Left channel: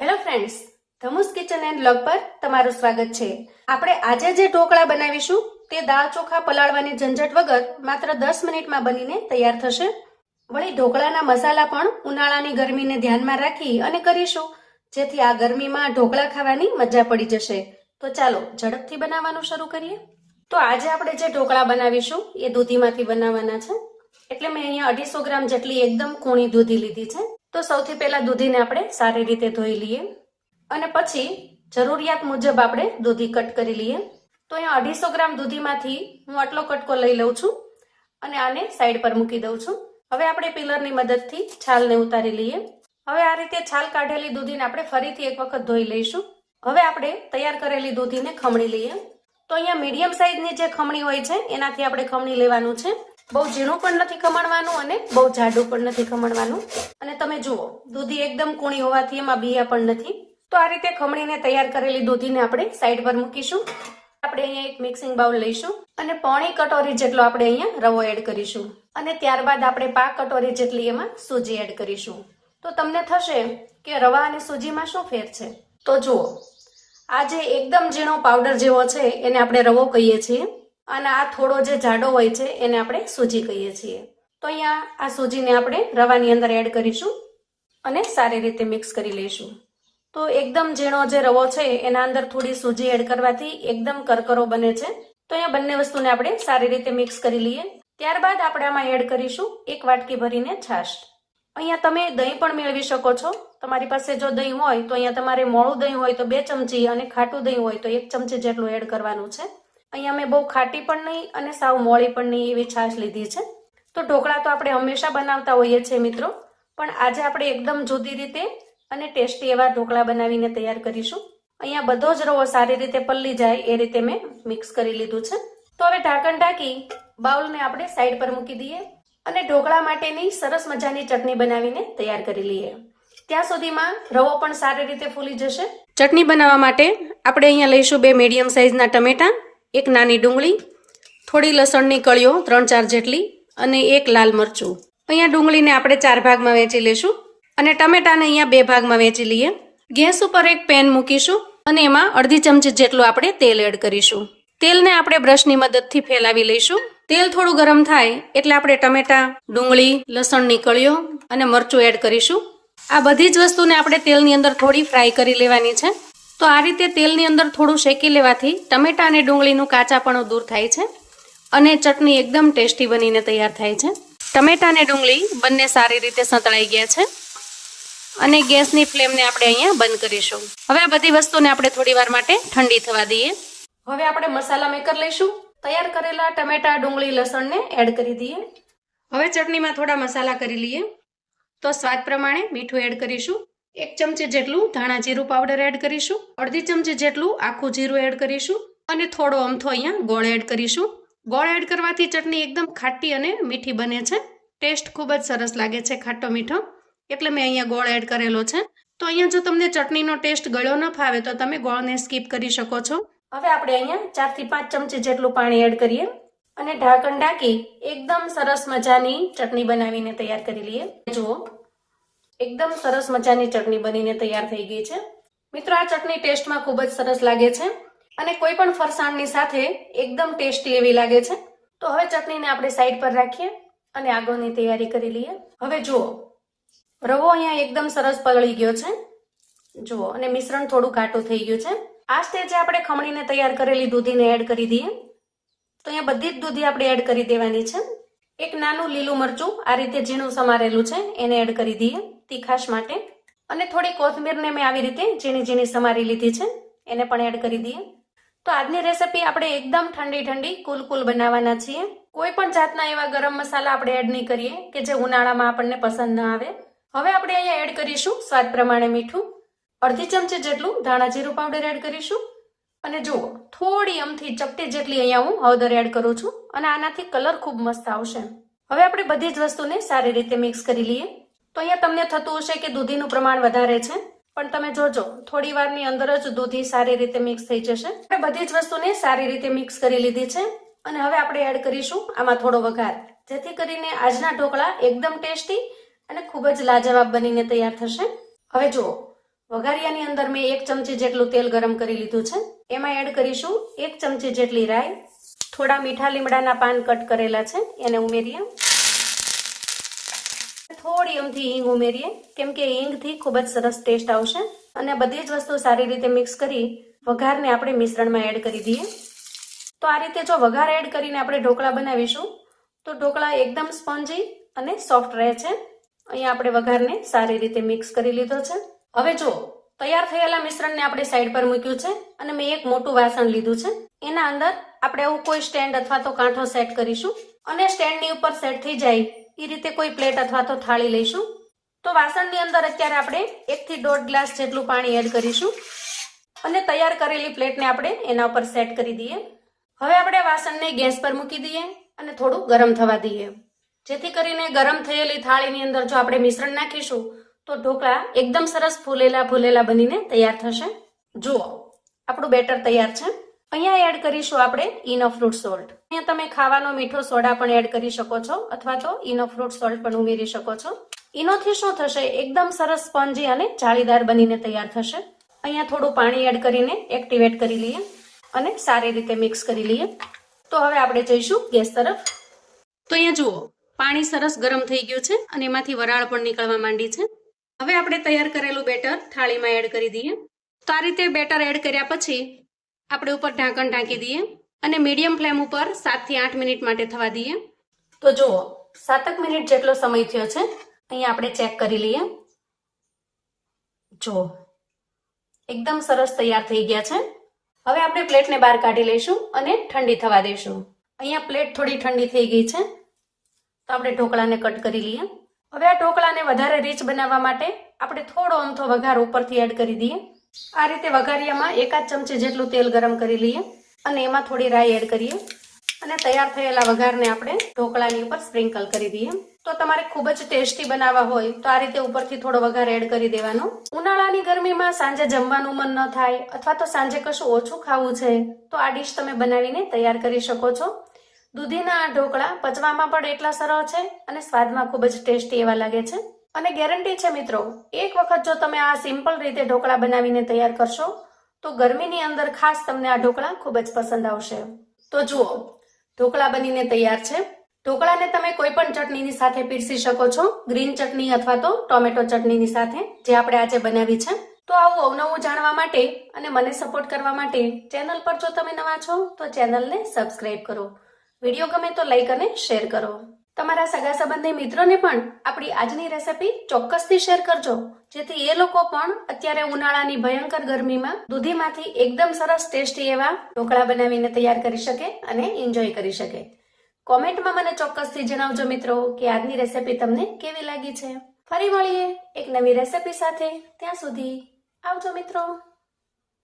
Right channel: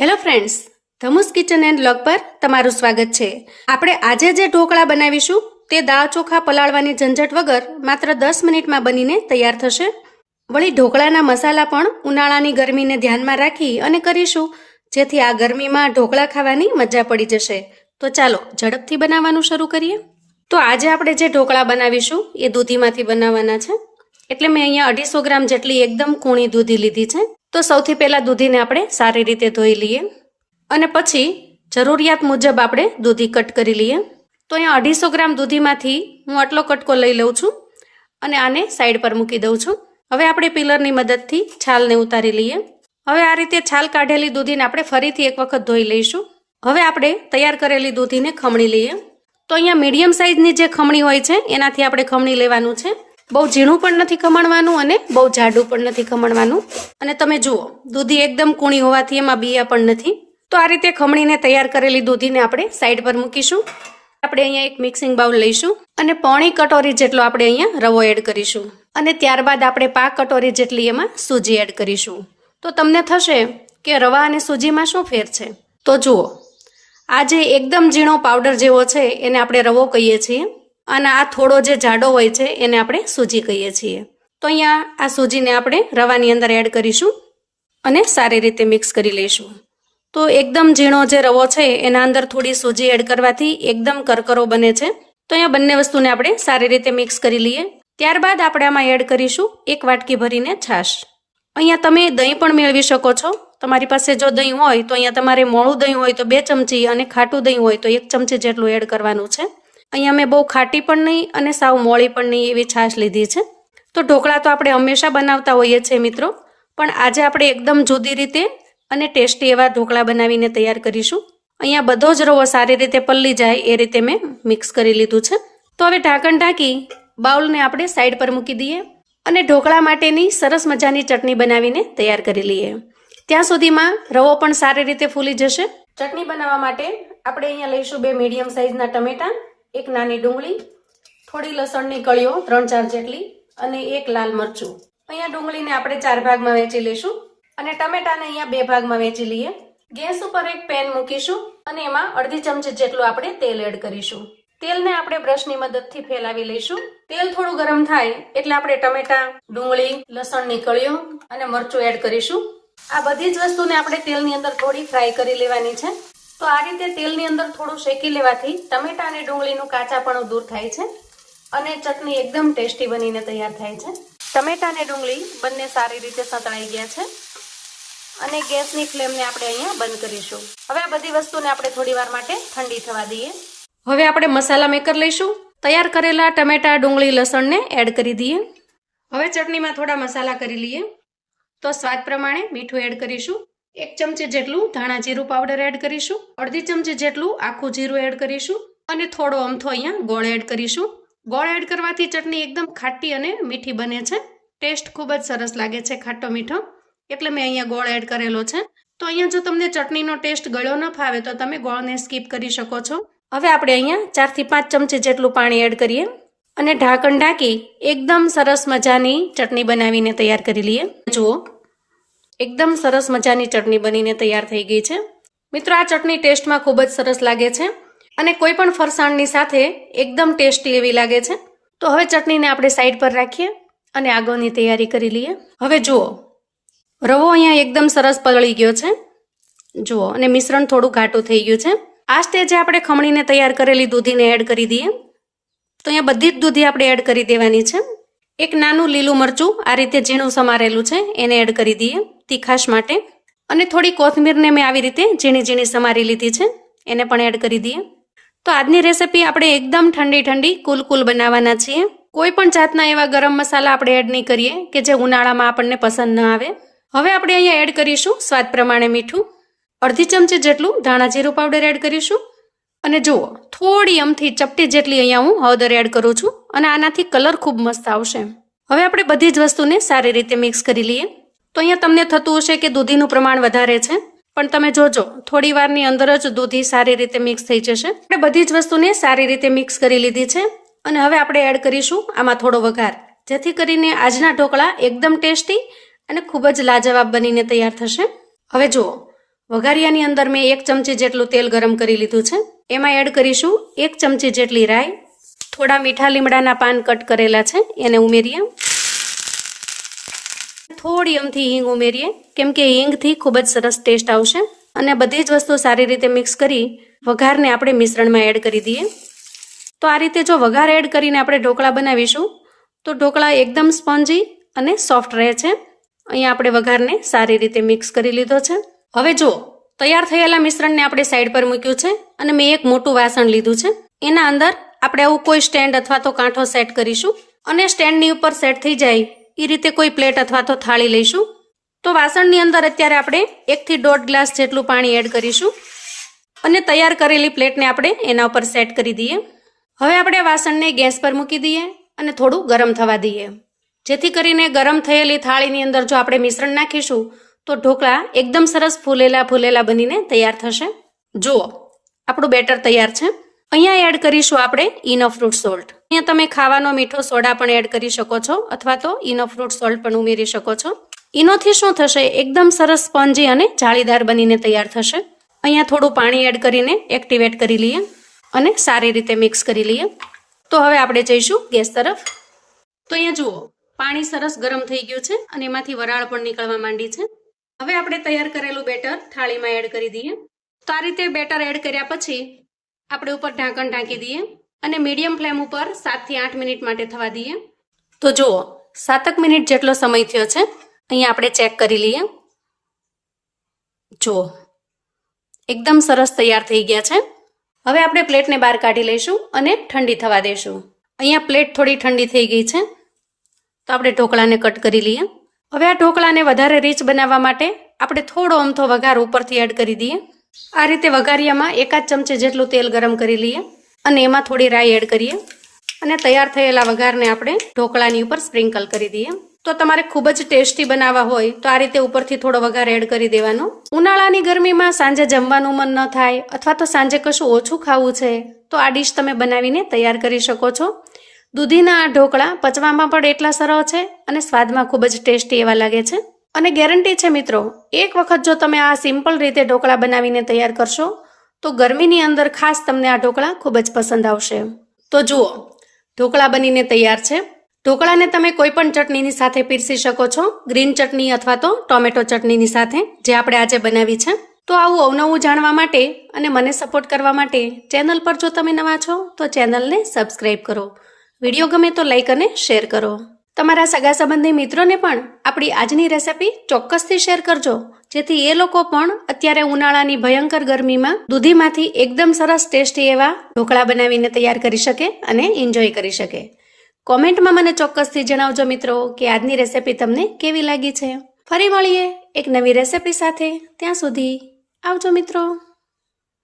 Hello friends ધમુસ kitchen and blog પર તમારું સ્વાગત છે. આપણે આજે જે ઢોકળા બનાવીશું, તે દાળ ચોખા પલાળવાની ઝંઝટ વગર માત્ર દસ મિનિટમાં બનીને તૈયાર થશે. વળી ઢોકળાના મસાલા પણ ઉનાળાની ગરમીને ધ્યાનમાં રાખી અને કરીશું, જેથી આ ગરમીમાં ઢોકળા ખાવાની મજા પડી જશે. તો ચાલો, ઝડપથી બનાવવાનું શરૂ કરીએ. તો આજે આપણે જે ઢોકળા બનાવીશું, એ દૂધીમાંથી બનાવવાના છે. એટલે મેં અહીંયા અઢીસો ગ્રામ જેટલી એકદમ કૂણી દૂધી લીધી છે. તો સૌથી પહેલાં દૂધીને આપણે સારી રીતે ધોઈ લઈએ. અને પછી જરૂરિયાત મુજબ આપણે દૂધી કટ કરી લઈએ. તો અહીંયા અઢીસો ગ્રામ દૂધીમાંથી હું આટલો કટકો લઈ લઉં છું અને આને સાઈડ પર મૂકી દઉં છું. હવે આપણે પિલરની મદદથી છાલને ઉતારી લઈએ. હવે આ રીતે છાલ કાઢેલી દૂધીને આપણે ફરીથી એક વખત ધોઈ લઈશું. હવે આપણે તૈયાર કરેલી દૂધીને ખમણી લઈએ. તો અહીંયા મીડિયમ સાઇઝની જે ખમણી હોય છે, એનાથી આપણે ખમણી લેવાનું છે. બહુ ઝીણું પણ નથી ખમણવાનું અને બહુ જાડું પણ નથી ખમણવાનું. અને તમે જુઓ, દૂધી એકદમ કૂણી હોવાથી એમાં બિયા પણ નથી. તો આ રીતે ખમણીને તૈયાર કરેલી દૂધીને આપણે સાઈડ પર મૂકીશું. આપણે અહીંયા એક મિક્સિંગ બાઉલ લઈશું અને પોણી કટોરી જેટલો આપણે અહીંયા રવો એડ કરીશું. અને ત્યારબાદ આપણે પાક કટોરી જેટલી એમાં સૂજી એડ કરીશું. તો તમને થશે કે રવા અને સૂજીમાં શું ફેર છે? તો જુઓ, આ જે એકદમ ઝીણો પાવડર જેવો છે, એને આપણે રવો કહીએ છીએ. અને આ થોડો જે જાડો હોય છે, એને આપણે સૂજી કહીએ છીએ. તો અહીંયા આ સૂજીને આપણે રવાની અંદર એડ કરીશું અને સારી રીતે મિક્સ કરી લઈશું. તો એકદમ ઝીણો જે રવો છે, એના અંદર થોડી સૂજી એડ કરવાથી એકદમ કરકરો બને છે. તો અહીંયા બંને વસ્તુને આપણે સારી રીતે મિક્સ કરી લઈએ. ત્યારબાદ આપણે આમાં એડ કરીશું એક વાટકી ભરીને છાશ. અહીંયા તમે દહીં પણ મેળવી શકો છો. તમારી પાસે જો દહીં હોય તો અહીંયા તમારે મોળું દહીં હોય તો બે ચમચી અને ખાટું દહીં હોય તો એક ચમચી જેટલું એડ કરવાનું છે. અહીંયા મેં બહુ ખાટી પણ નહીં અને સાવ મોળી પણ નહીં એવી છાશ લીધી છે. તો ઢોકળા તો આપણે હંમેશા બનાવતા હોઈએ છીએ મિત્રો, પણ આજે આપણે એકદમ જુદી રીતે અને ટેસ્ટી એવા ઢોકળા બનાવીને તૈયાર કરીશું. અહીંયા બધો જ રવો સારી રીતે પલ્લી જાય એ રીતે મેં મિક્સ કરી લીધું છે. તો હવે ઢાંકણ ઢાંકી બાઉલને આપણે સાઈડ પર મૂકી દઈએ અને ઢોકળા માટેની સરસ મજાની ચટણી બનાવીને તૈયાર કરી લઈએ. ત્યાં સુધીમાં રવો પણ સારી રીતે ફૂલી જશે. ચટણી બનાવવા માટે આપણે અહીંયા લઈશું બે મીડિયમ સાઇઝના ટમેટાં એક નાની ડુંગળી, થોડી લસણની કળીઓ, ત્રણ ચાર જેટલી અને એક લાલ મરચું. અહીંયા ડુંગળીને આપણે ચાર ભાગમાં વેચી લઈશું અને ટમેટાને અહીંયા બે ભાગમાં વેચી લઈએ. ગેસ ઉપર એક પેન મૂકીશું અને એમાં અડધી ચમચી જેટલું આપણે તેલ એડ કરીશું. તેલને આપણે બ્રશની મદદથી ફેલાવી લઈશું. તેલ થોડું ગરમ થાય એટલે આપણે ટમેટા, ડુંગળી, લસણની કળીઓ અને મરચું એડ કરીશું. આ બધી જ વસ્તુને આપણે તેલની અંદર થોડી ફ્રાય કરી લેવાની છે. તો આ રીતે તેલની અંદર થોડું શેકી લેવાથી ટમેટા અને ડુંગળીનું કાચાપણું દૂર થાય છે અને ચટણી એકદમ ટેસ્ટી બનીને તૈયાર થાય છે. ટમેટા અને ડુંગળી બંને સારી રીતે સંતળાઈ ગયા છે અને ગેસની ફ્લેમને આપણે અહીંયા બંધ કરીશું. હવે આ બધી વસ્તુને આપણે થોડી વાર માટે ઠંડી થવા દઈએ. હવે આપણે મસાલા મેકર લઈશું. તૈયાર કરેલા ટમેટા, ડુંગળી, લસણને એડ કરી દઈએ. હવે ચટણીમાં થોડા મસાલા કરી લઈએ. તો સ્વાદ પ્રમાણે મીઠું એડ કરીશું. એક ચમચી જેટલું ધાણા જીરું પાવડર એડ કરીશું, અડધી ચમચી જેટલું આખું જીરું એડ કરીશું અને થોડો અમથો અહીંયા ગોળ એડ કરીશું. ગોળ એડ કરવાથી ચટણી એકદમ ખાટી અને મીઠી બને છે. ટેસ્ટ ખૂબ જ સરસ લાગે છે ખાટો મીઠો. એટલે મેં અહીંયા ગોળ એડ કરેલો છે. તો અહીંયા જો તમને ચટણીનો ટેસ્ટ ગળ્યો ન ફાવે તો તમે ગોળને સ્કીપ કરી શકો છો. હવે આપણે અહીંયા ચારથી પાંચ ચમચી જેટલું પાણી એડ કરીએ અને ઢાંકણ ઢાંકી એકદમ સરસ મજાની ચટણી બનાવીને તૈયાર કરી લઈએ. જુઓ એકદમ સરસ મજાની ચટણી બનીને તૈયાર થઈ ગઈ છે. મિત્રો, આ ચટણી ટેસ્ટમાં ખૂબ જ સરસ લાગે છે અને કોઈ પણ ફરસાણની સાથે એકદમ ટેસ્ટી એવી લાગે છે. તો હવે ચટણીને આપણે સાઈડ પર રાખીએ અને આગળની તૈયારી કરી લઈએ. હવે જુઓ, રવો અહીંયા એકદમ સરસ પલળી ગયો છે. જુઓ, અને મિશ્રણ થોડું ઘાટું થઈ ગયું છે. આ સ્ટેજે આપણે ખમણીને તૈયાર કરેલી દૂધીને એડ કરી દઈએ. તો અહીંયા બધી જ દૂધી આપણે એડ કરી દેવાની છે. એક નાનું લીલું મરચું આ રીતે ઝીણું સમારેલું છે, એને એડ કરી દઈએ. તીખાશ માટે. અને થોડી કોથમીરને મેં આવી રીતે ઝીણી ઝીણી સમારી લીધી છે. એને પણ એડ કરી દઈએ. તો આજની રેસિપી આપણે એકદમ ઠંડી ઠંડી, કુલ કુલ બનાવવાના છીએ. કોઈ પણ જાતના એવા ગરમ મસાલા આપણે એડ નહીં કરીએ, કે જે ઉનાળામાં આપણને પસંદ ન આવે. હવે આપણે અહીંયા એડ કરીશું સ્વાદ પ્રમાણે મીઠું. અડધી ચમચી જેટલું ધાણા જીરું પાવડર એડ કરીશું. અને જુઓ, થોડી અમથી ચપટી જેટલી અહીંયા હું હળદર એડ કરું છું. અને આનાથી કલર ખૂબ મસ્ત આવશે. હવે આપણે બધી જ વસ્તુને સારી રીતે મિક્સ કરી લઈએ. તો અહીંયા તમને થતું હશે કે દૂધીનું પ્રમાણ વધારે છે. પણ તમે જોજો, થોડી વારની અંદર જ દૂધી સારી રીતે મિક્સ થઈ જશે. આપણે બધી જ વસ્તુને સારી રીતે મિક્સ કરી લીધી છે. અને હવે આપણે એડ કરીશું આમાં થોડો વઘાર. જેથી કરીને આજના ઢોકળા એકદમ ટેસ્ટી અને ખૂબ જ લાજવાબ બનીને તૈયાર થશે. હવે જુઓ, વઘારિયાની અંદર મેં એક ચમચી જેટલું તેલ ગરમ કરી લીધું છે. એમાં એડ કરીશું એક ચમચી જેટલી રાઈ. થોડા મીઠા લીમડાના પાન કટ કરેલા છે, એને ઉમેરીએ. થોડી અમથી હિંગ ઉમેરીએ. કેમ કે હિંગથી ખૂબ જ સરસ ટેસ્ટ આવશે. અને બધી જ વસ્તુ સારી રીતે મિક્સ કરી વઘારને આપણે મિશ્રણમાં એડ કરી દઈએ. તો આ રીતે જો વઘાર એડ કરીને આપણે ઢોકળા બનાવીશું, તો ઢોકળા એકદમ સ્પોન્જી અને સોફ્ટ રહે છે. અહીંયા આપણે વઘારને સારી રીતે મિક્સ કરી લીધો છે. હવે જો, તૈયાર થયેલા મિશ્રણને આપણે સાઈડ પર મૂક્યું છે અને મેં એક મોટું વાસણ લીધું છે. એના અંદર આપણે આવું કોઈ સ્ટેન્ડ અથવા તો કાંઠો સેટ કરીશું અને સ્ટેન્ડની ઉપર સેટ થઈ જાય એ રીતે કોઈ પ્લેટ અથવા તો થાળી લઈશું. તો વાસણની અંદર અત્યારે આપણે એકથી દોઢ ગ્લાસ જેટલું પાણી એડ કરીશું. અને તૈયાર કરેલી પ્લેટને આપણે એના ઉપર સેટ કરી દઈએ. હવે આપણે વાસણને ગેસ પર મૂકી દઈએ અને થોડું ગરમ થવા દઈએ. જેથી કરીને ગરમ થયેલી થાળીની અંદર જો આપણે મિશ્રણ નાખીશું, તો ઢોકળા એકદમ સરસ ફૂલેલા ફૂલેલા બનીને તૈયાર થશે. જુઓ, આપણું બેટર તૈયાર છે. અહીંયા એડ કરીશું આપણે ઇનો ફ્રૂટ સોલ્ટ અહીંયા તમે ખાવાનો મીઠો સોડા પણ એડ કરી શકો છો, અથવા તો ઇનો ફ્રૂટ સોલ્ટ પણ ઉમેરી શકો છો. ઇનોથી શું થશે? એકદમ સરસ સ્પોન્જી અને જાળીદાર બનીને તૈયાર થશે. અહીંયા થોડું પાણી એડ કરીને એક્ટિવેટ કરી લઈએ અને સારી રીતે મિક્સ કરી લઈએ. તો હવે આપણે જઈશું ગેસ તરફ. તો અહીંયા જુઓ, પાણી સરસ ગરમ થઈ ગયું છે અને એમાંથી વરાળ પણ નીકળવા માંડી છે. હવે આપણે તૈયાર કરેલું બેટર થાળીમાં એડ કરી દઈએ. તો આ રીતે બેટર એડ કર્યા પછી આપણે ઉપર ઢાંકણ ઢાંકી દઈએ અને મીડિયમ ફ્લેમ ઉપર સાતથી આઠ મિનિટ માટે થવા દઈએ. તો જુઓ, સાતક મિનિટ જેટલો સમય થયો છે, અહીંયા આપણે ચેક કરી લઈએ. જુઓ, એકદમ સરસ તૈયાર થઈ ગયા છે. હવે આપણે પ્લેટને બહાર કાઢી લઈશું અને ઠંડી થવા દઈશું. અહીંયા પ્લેટ થોડી ઠંડી થઈ ગઈ છે, તો આપણે ઢોકળાને કટ કરી લઈએ. હવે આ ઢોકળાને વધારે રીચ બનાવવા માટે આપણે થોડો અમથો વઘાર ઉપરથી એડ કરી દઈએ. આ રીતે વઘારિયામાં એકાદ ચમચે જેટલું તેલ ગરમ કરી લઈએ અને એમાં થોડી રાઈ એડ કરીએ. અને તૈયાર થયેલા વઘારને આપણે ઢોકળાની ઉપર સ્પ્રિંકલ કરી દઈએ. તો તમારે ખૂબ જ ટેસ્ટી બનાવવા હોય તો આ રીતે ઉપરથી થોડો વઘાર એડ કરી દેવાનો. ઉનાળાની ગરમીમાં સાંજે જમવાનું મન ન થાય અથવા તો સાંજે કશું ઓછું ખાવું છે, તો આ ડીશ તમે બનાવીને તૈયાર કરી શકો છો. દૂધીના આ ઢોકળા પચવામાં પણ એટલા સરળ છે અને સ્વાદમાં ખૂબ જ ટેસ્ટી એવા લાગે છે. અને ગેરંટી છે મિત્રો, એક વખત જો તમે આ સિમ્પલ રીતે ઢોકળા બનાવીને તૈયાર કરશો, તો ગરમીની અંદર ખાસ તમને આ ઢોકળા ખૂબ જ પસંદ આવશે. તો જુઓ, ઢોકળા બનીને તૈયાર છે. ઢોકળાને તમે કોઈ પણ ચટણીની સાથે પીરસી શકો છો, ગ્રીન ચટણી અથવા તો ટોમેટો ચટણીની સાથે, જે આપણે આજે બનાવી છે. તો આવું અવનવું જાણવા માટે અને મને સપોર્ટ કરવા માટે ચેનલ પર જો તમે નવા છો, તો ચેનલને સબસ્ક્રાઈબ કરો. વીડિયો ગમે તો લાઈક અને શેર કરો. તમારા સગા સંબંધી મિત્રોને પણ આપણી આજની રેસિપી ચોક્કસથી શેર કરજો. જેથી એ લોકો પણ અત્યારે ઉનાળાની ભયંકર ગરમીમાં દૂધીમાંથી એકદમ સરસ ટેસ્ટી એવા ઢોકળા બનાવીને તૈયાર કરી શકે અને એન્જોય કરી શકે. કોમેન્ટમાં મને ચોક્કસથી જણાવજો મિત્રો કે આજની રેસિપી તમને કેવી લાગી છે. ફરી મળીએ એક નવી રેસિપી સાથે. ત્યાં સુધી આવજો મિત્રો.